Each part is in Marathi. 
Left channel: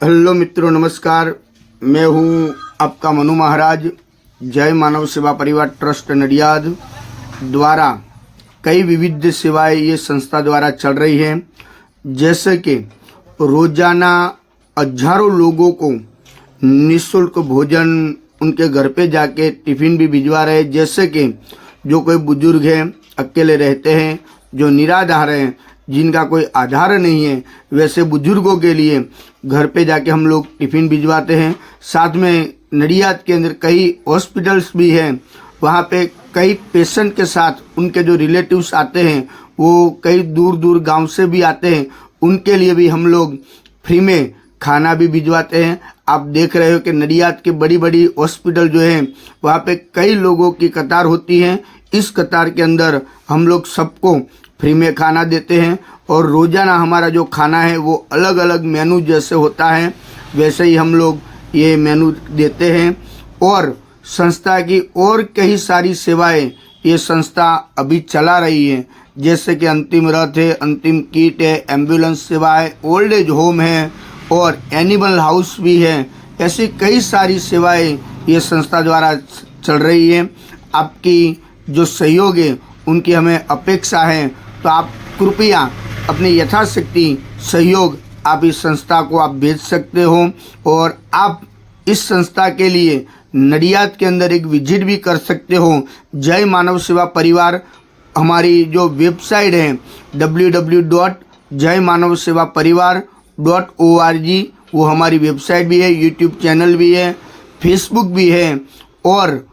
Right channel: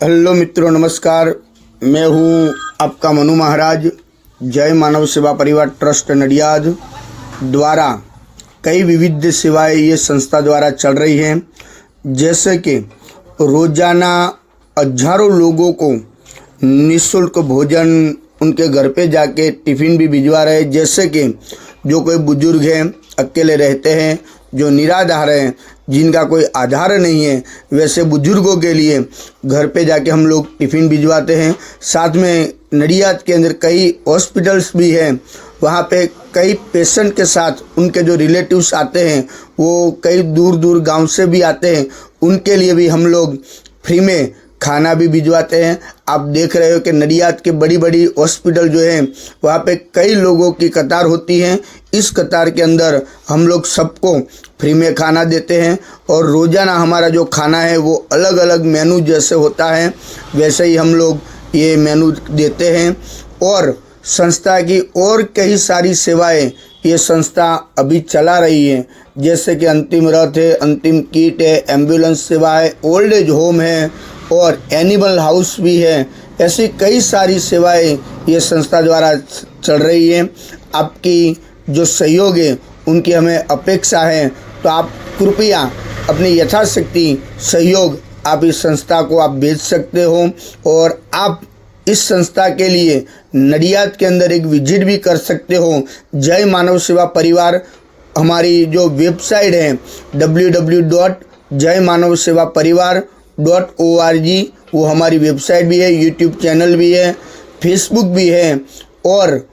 हेलो मित्रों, नमस्कार। मैं हूं आपका मनु महाराज। जय मानव सेवा परिवार ट्रस्ट नडियाद द्वारा कई विविध सेवाएं ये संस्था द्वारा चल रही हैं, जैसे कि रोजाना हजारों लोगों को निःशुल्क भोजन उनके घर पे जाके टिफ़िन भी भिजवा रहे हैं। जैसे कि जो कोई बुजुर्ग हैं, अकेले रहते हैं, जो निराधार हैं, जिनका कोई आधार नहीं है, वैसे बुजुर्गों के लिए घर पे जाके हम लोग टिफ़िन भिजवाते हैं। साथ में नडियाद के अंदर कई हॉस्पिटल्स भी हैं, वहाँ पे कई पेशेंट के साथ उनके जो रिलेटिव्स आते हैं, वो कई दूर दूर गांव से भी आते हैं, उनके लिए भी हम लोग फ्री में खाना भी भिजवाते हैं। आप देख रहे हो कि नडियाद के बड़ी बड़ी हॉस्पिटल जो हैं, वहाँ पे कई लोगों की कतार होती है। इस कतार के अंदर हम लोग सबको फ्री में खाना देते हैं और रोज़ाना हमारा जो खाना है वो अलग अलग मेनू जैसे होता है वैसे ही हम लोग ये मेनू देते हैं। और संस्था की और कई सारी सेवाएं ये संस्था अभी चला रही है, जैसे कि अंतिम रथ है, अंतिम किट है, एम्बुलेंस सेवा है, ओल्ड एज होम है और एनिमल हाउस भी है। ऐसी कई सारी सेवाएं ये संस्था द्वारा चल रही है। आपकी जो सहयोग है उनकी हमें अपेक्षा है, तो आप कृपया अपनी यथाशक्ति सहयोग आप इस संस्था को आप भेज सकते हो। और आप इस संस्था के लिए नडियाद के अंदर एक विजिट भी कर सकते हो। जय मानव सेवा परिवार हमारी जो वेबसाइट है www.jaymanavsevaparivar.org, वो हमारी वेबसाइट भी है, यूट्यूब चैनल भी है, फेसबुक भी है और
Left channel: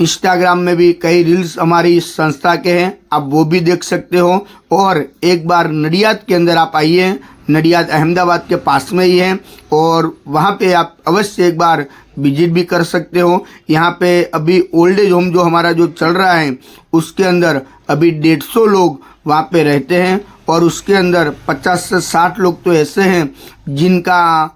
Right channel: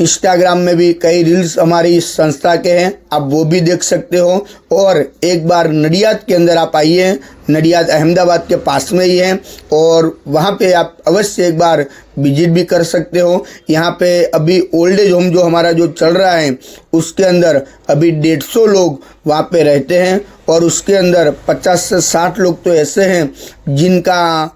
इंस्टाग्राम में भी कई रील्स हमारी इस संस्था के हैं, आप वो भी देख सकते हो। और एक बार नडियाद के अंदर आप आइए, नडियाद अहमदाबाद के पास में ही है और वहाँ पे आप अवश्य एक बार विजिट भी कर सकते हो। यहाँ पे अभी ओल्ड एज होम जो हमारा जो चल रहा है उसके अंदर अभी 150 लोग वहाँ पे रहते हैं और उसके अंदर 50 से 60 लोग तो ऐसे हैं जिनका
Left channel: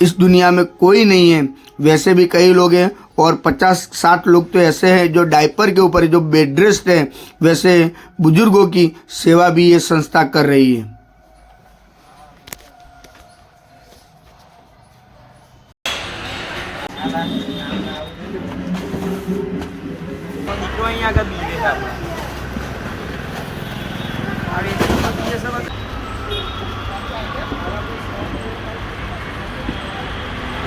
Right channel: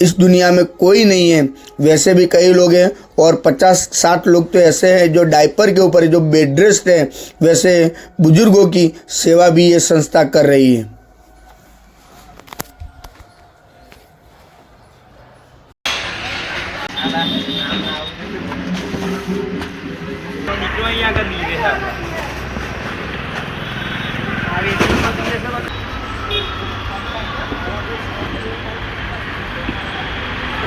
इस दुनिया में कोई नहीं है, वैसे भी कई लोग हैं। और 50-60 लोग तो ऐसे हैं जो डायपर के ऊपर जो बेड रेस्ट है, वैसे बुजुर्गों की सेवा भी ये संस्था कर रही है।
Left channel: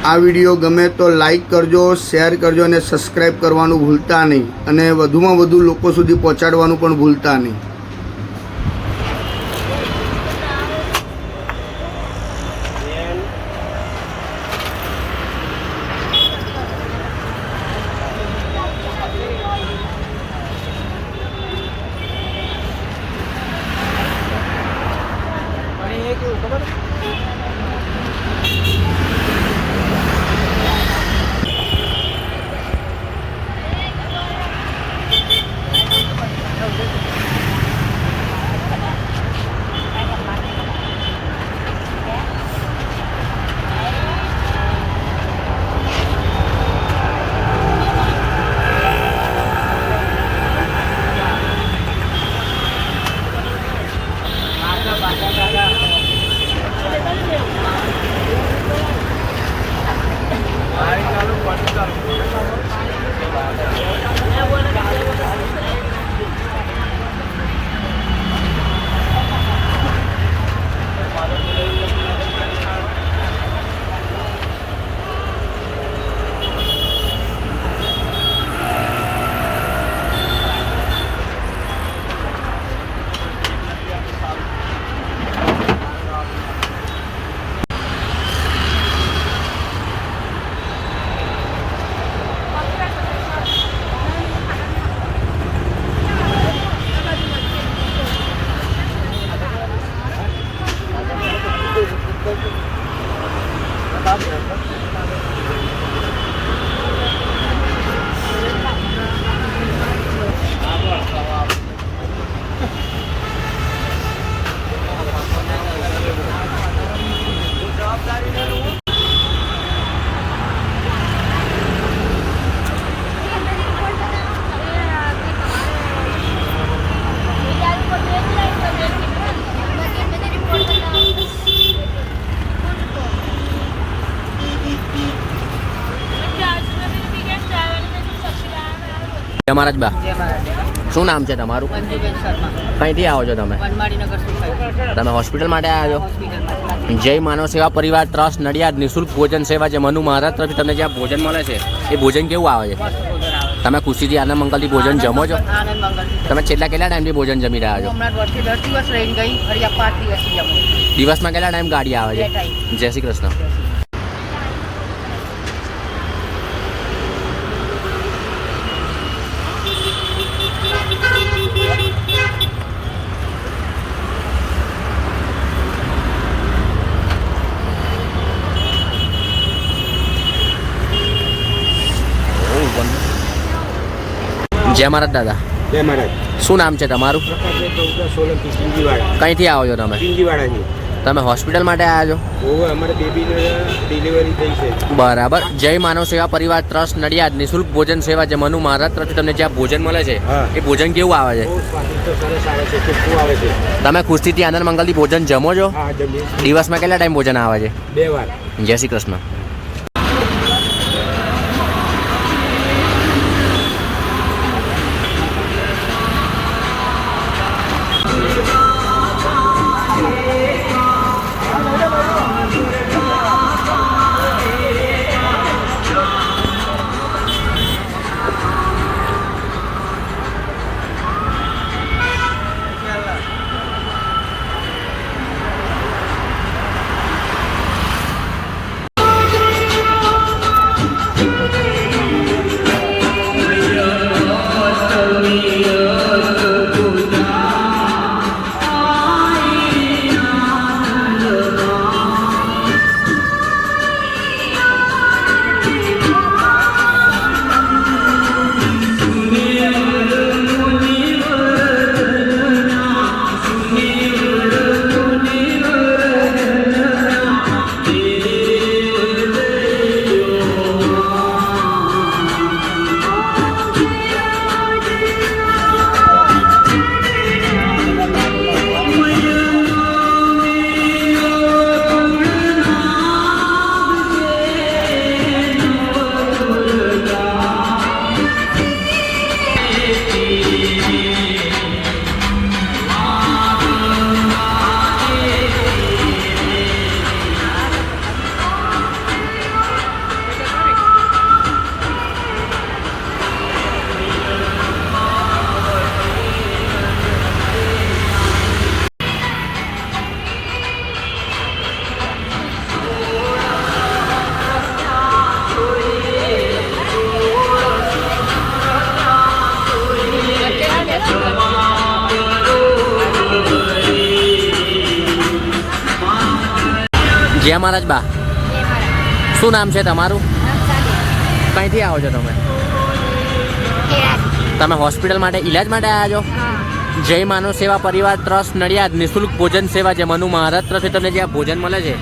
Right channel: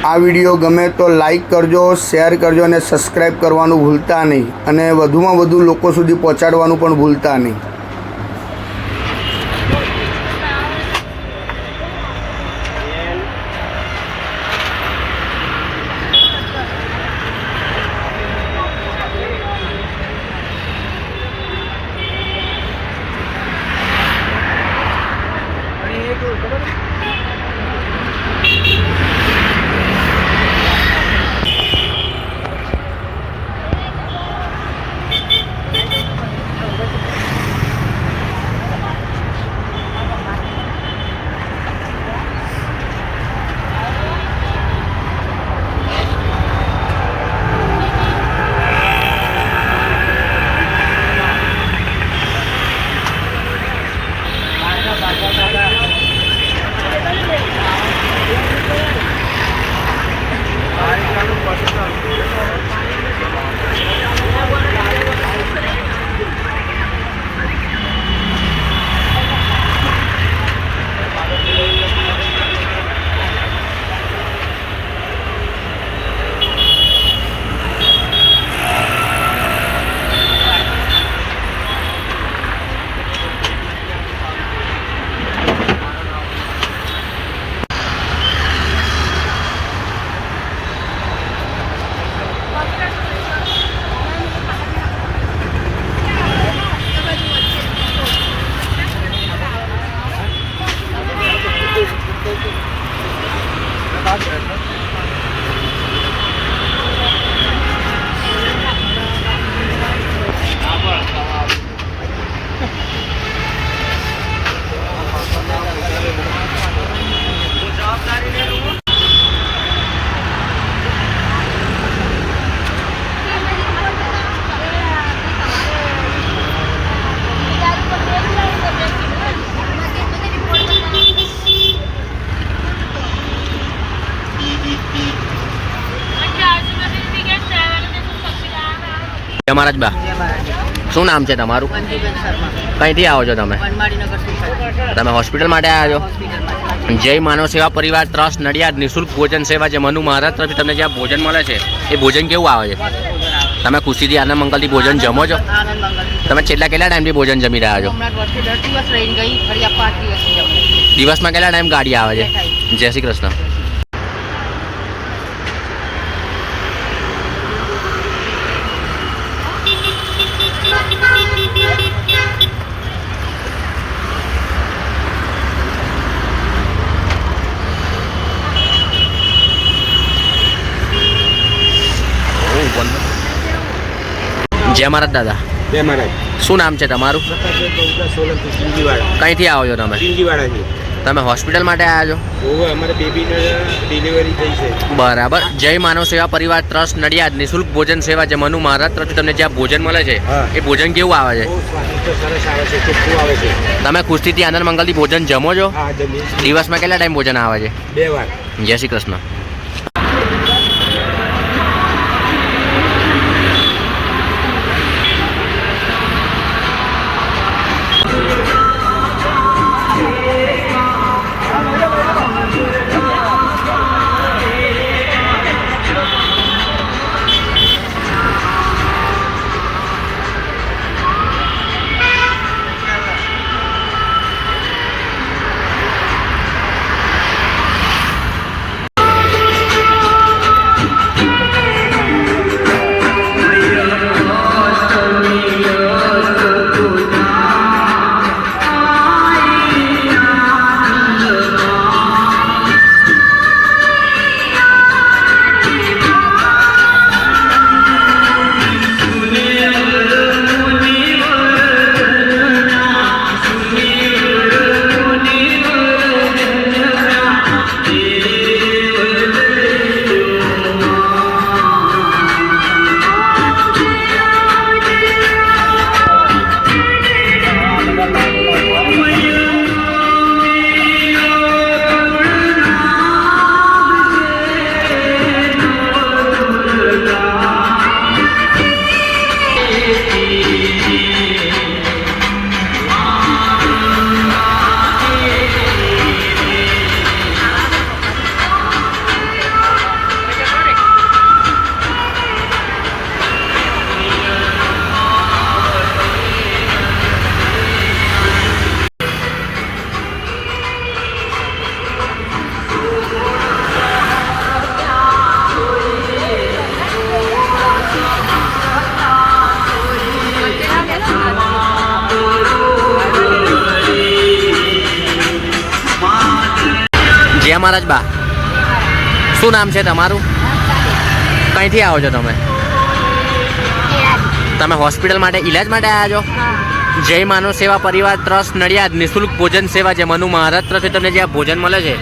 આ વિડીયો ગમે તો લાઈક કરજો, શેર કરજો અને સબસ્ક્રાઈબ કરવાનું ભૂલતા નહીં અને વધુમાં વધુ લોકો સુધી પહોંચાડવાનું પણ ભૂલતા નહીં। તમારા જ બા શું નામ છે તમારું? કંઈથી આવો છો તમે? તમે હોસ્પિટલ માટે આવ્યા છો? જય માનવ સેવા પરિવાર ટ્રસ્ટ નડિયાદ નિઃશુલ્ક ભોજન સેવા જે મનુ મહારાજ તરફથી તમને જ્યાં ભોજન મળે છે એ ભોજન કેવું આવે છે? તમે ખુશીથી આનંદ મંગલથી ભોજન જમો છો? તમે છેલ્લા કેટલા ટાઈમથી ભોજન જમી રહ્યા છો? દિવસમાં કેટલા ટાઈમ ગાડી આવે છે? જય શ્રી કૃષ્ણ. જય મહારાજ દાદા. જય મહારાજ. શું નામ છે તમારું? કંઈથી આવો છો તમે? તમે હોસ્પિટલ માટે આવ્યા છો? અમારે બેબીને ડિલિવરી થઈ છે. બરાબર. જય માનવ સેવા પરિવાર ટ્રસ્ટ નડિયાદ નિઃશુલ્ક ભોજન સેવા જે મનુ મહારાજ તરફથી તમને જ્યાં ભોજન મળે છે એ ભોજન કેવું આવે છે? બહુ સ્વાદિષ્ટ સરસ આવે છે, ચોખ્ખું આવે છે. તમે ખુશીથી આનંદ મંગલથી ભોજન જમો છો? હા, જમીએ. દિવસમાં કેટલા ટાઈમ ભોજન આવે છે? 2 વાર. જય શ્રી કૃષ્ણ. જય મહારાજ બા શું નામ છે તમારું? કંઈથી આવો છો તમે? તમે હોસ્પિટલ માટે ઈલાજ માટે આવ્યા છો? જય માનવ સેવા પરિવાર ટ્રસ્ટ નડિયાદ નિઃશુલ્ક ભોજન સેવા જે મનુ મહારાજ તરફથી તમને જ્યાં ભોજન મળે છે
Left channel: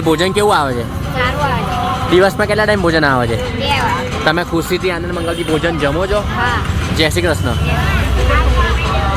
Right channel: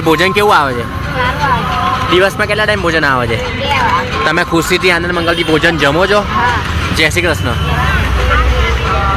એ ભોજન કેવું આવે છે? દિવસમાં કેટલા ટાઈમ ભોજન આવે છે? તમે ખુશીથી આનંદ મંગલથી ભોજન જમો છો? જય શ્રી કૃષ્ણ.